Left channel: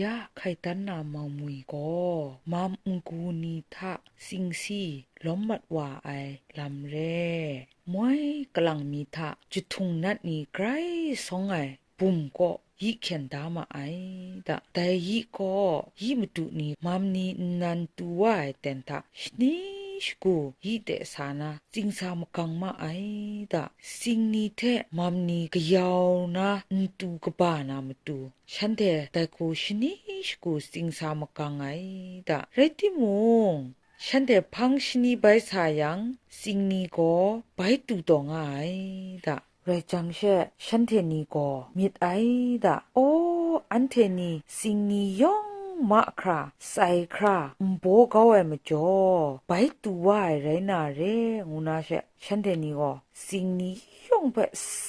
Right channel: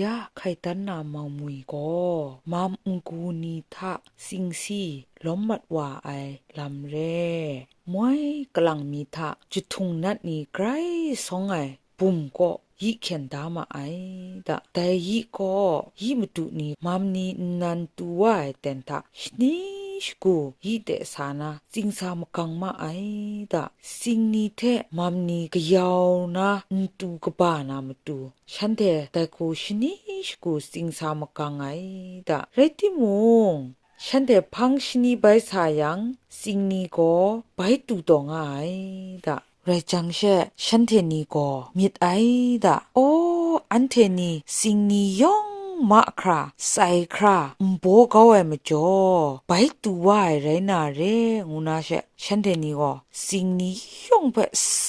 ยะไข่ตันนามามุยก็มามอุงกูนีทะสิงสีล้อมมัดว่าไอลำเร่มวยกำลังมีทะจุดทุงนัดนี้ไกรสองไอปุ่มก็ยิเขียนดามาไอดะแต่ยิก็ยิมตุนีมามนีนันตัวไอเต็นทะชนิชกูยิเตสานาจิงสามกังมาไอดะสิงนีเทมามนีกยาวนะนตูกบานามตูฉันเทแต่กูชนิชกูสิงสามกังไอดะเรติมงฉันเดพังชนีใบสายังสิงนีก็ใบตูตองไอดะเรจังเชฉันเทนีก็มิดไอดะโออันเทนีสิงนียองมาคราไซคราโบก็เอมจ่อไปตัวไอไรนาเรงุนาเชฉันเทนีก็สิงนียองเป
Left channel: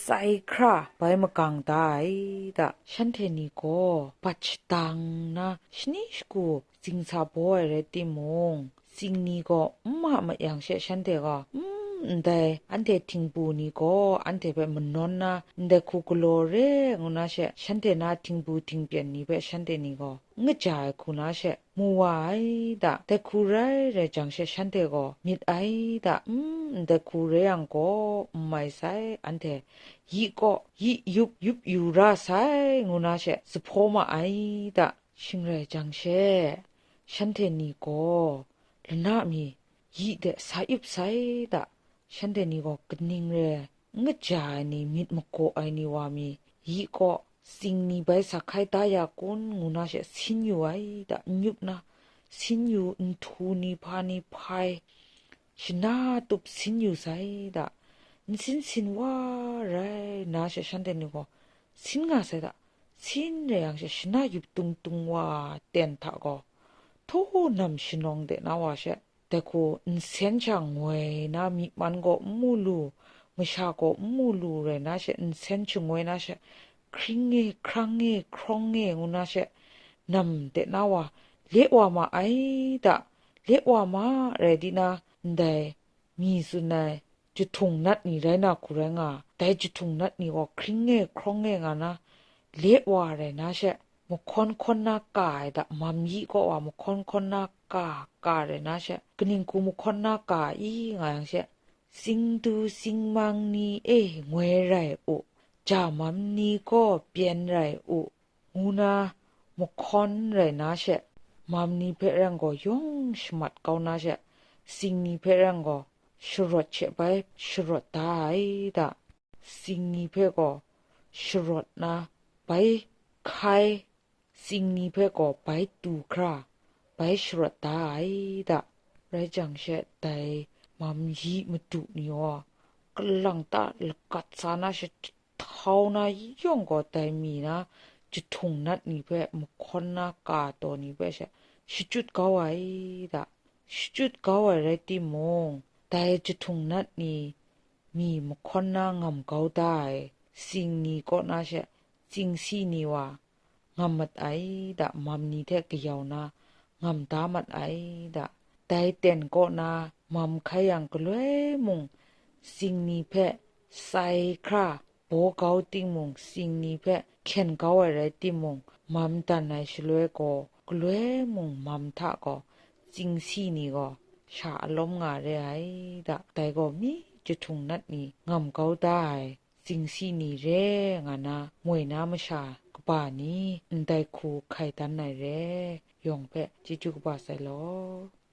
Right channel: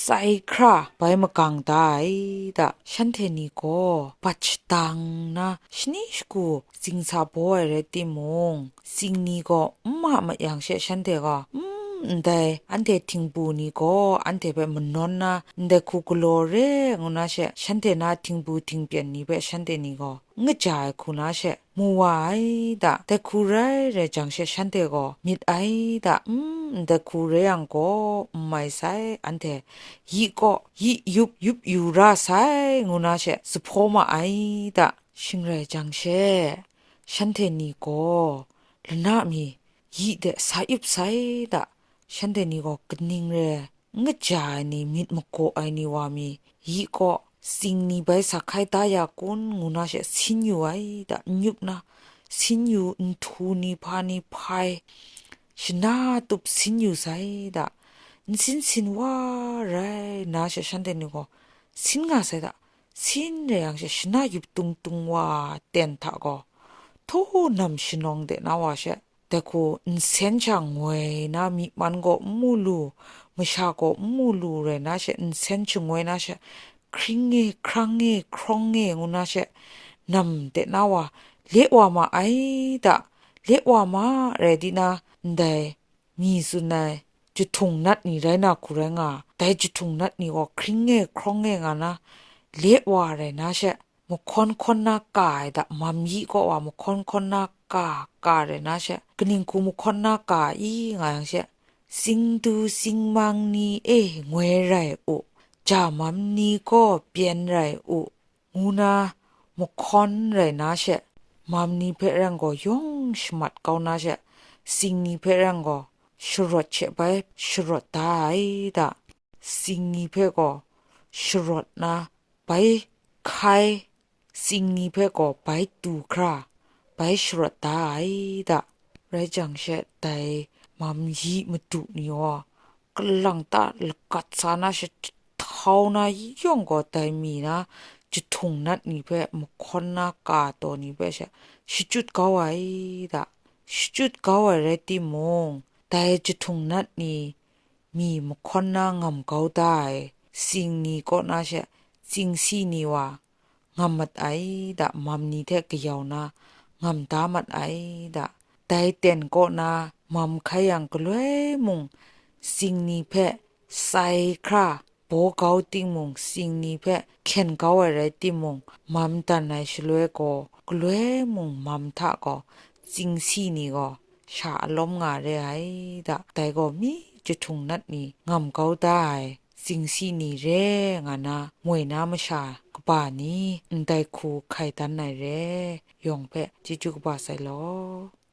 ไซคราไปมะกังตายดะฉันเทนีก็ปัจตังนะชนิชกูสิงซาโบเอเรติมงสิงนีก็มาอย่างเชฉันเทก็แต่อันเดทิงปูนี่ก็อันเดแบบมันนอนนะแต่คุกโลเรงุนาเชฉันเดนาทิงปูทิงเปียนนี่แบบฉันเดนี่ก็งจ่ายคุณาเชมัวไอดะแต่คูไรเรจังเชฉันเดก็มิดไอดะแต่คูเรยังก็ไม่ใส่อันเดยีก็ยียุบยูราใส่งุนาเชสพอมาไอดะชิงไรจังเชฉันเดนี่ก็ลนามียีเดสายบใส่ดะฉันเดนี่ก็กนิ่งเรงจ่ายนี่มิดมโกไอนี่วามียีก็สิ่งนี้ไปสักใครตายากุนงูน่าเชสินอยู่ไอดะยุบนะสินอยู่ทูนี่พานี่พายชนะตุบสินอยู่ไซดะสินว่าไรน่าเชฉันเดนี่ก็สินงาไซดะสินเรียงเชชนะยุบตุงว่าเต็นทะก็ทูนำชินองเดนาวาเชแต่กูเซนจังเวยนะมีมันก็มูลูมชาก็มูลูเรนะเชเซนจังเวยนะเชคริงเงครั้งเงครองเงงูนะเชนำเดนาวาเลวามาไอดะเลวามาเรดินาได้มีสุนัยจุดทุงนัดนี่ไรนะคุเรงาแต่จุดทุงนัดนี่ก็คริงเงครองเงงานะเลวาเรนะเชมคนนากายดะมัมยีก็ว่ามคนนากาเรนะเชกนิงกูมคนนากาอีงาเชสิงดูสิงมังนีงวยไรอุจามัมนีก็เปลี่ยนไรอุงูนามคนไรนะเชมัมนีเพรังก็ยงชมัดเกานะเชสิงนีเพรังก็ชรดเชไปชรดตายดะสิงนีเพก็ชรดนะไปใครสิ่งนี้เพื่อก็ไปดูคราไปชรตายดะไรจังเชตไตมัมยีมาดูนี่วะกลังตาลกัดสานาเชเท่านาย่องก็ไตมีนะจุดทงนัดนี่เพื่อมุคนนากาตัวนี้เพื่อเชชิจุดเกาไว้ดะชิจุดเกาไว้ไรติมงแต่จุดทงนัดนี่มีมุคนนางำเกาได้สิ่งนี้ก็น่าเชสิ่งสีนี่วะงำมัดไอดะมัมนี่แท้กยาวนะงำตามัดไอดะแต่เต็นก็นะมัมขยังก็เลยมุงสิ่งนี้แพ้ใส่คราโปเกาติงมุงสิ่งนี้แพ้เข็นเกาอะไรติมุงมัมตันไหนชลวยก็เลยมุงมัมทะก็สิ่งสีนี่ก็ชาลมงาเรไอดะแต่ก็มีจะทุงนัดนี่งำเกาได้สิ่งสีนี่เรงานะมวยน้ำมชากป่านี้ได้คูไข่ตันไหนเรยองเปะจิจุกบาไซลอ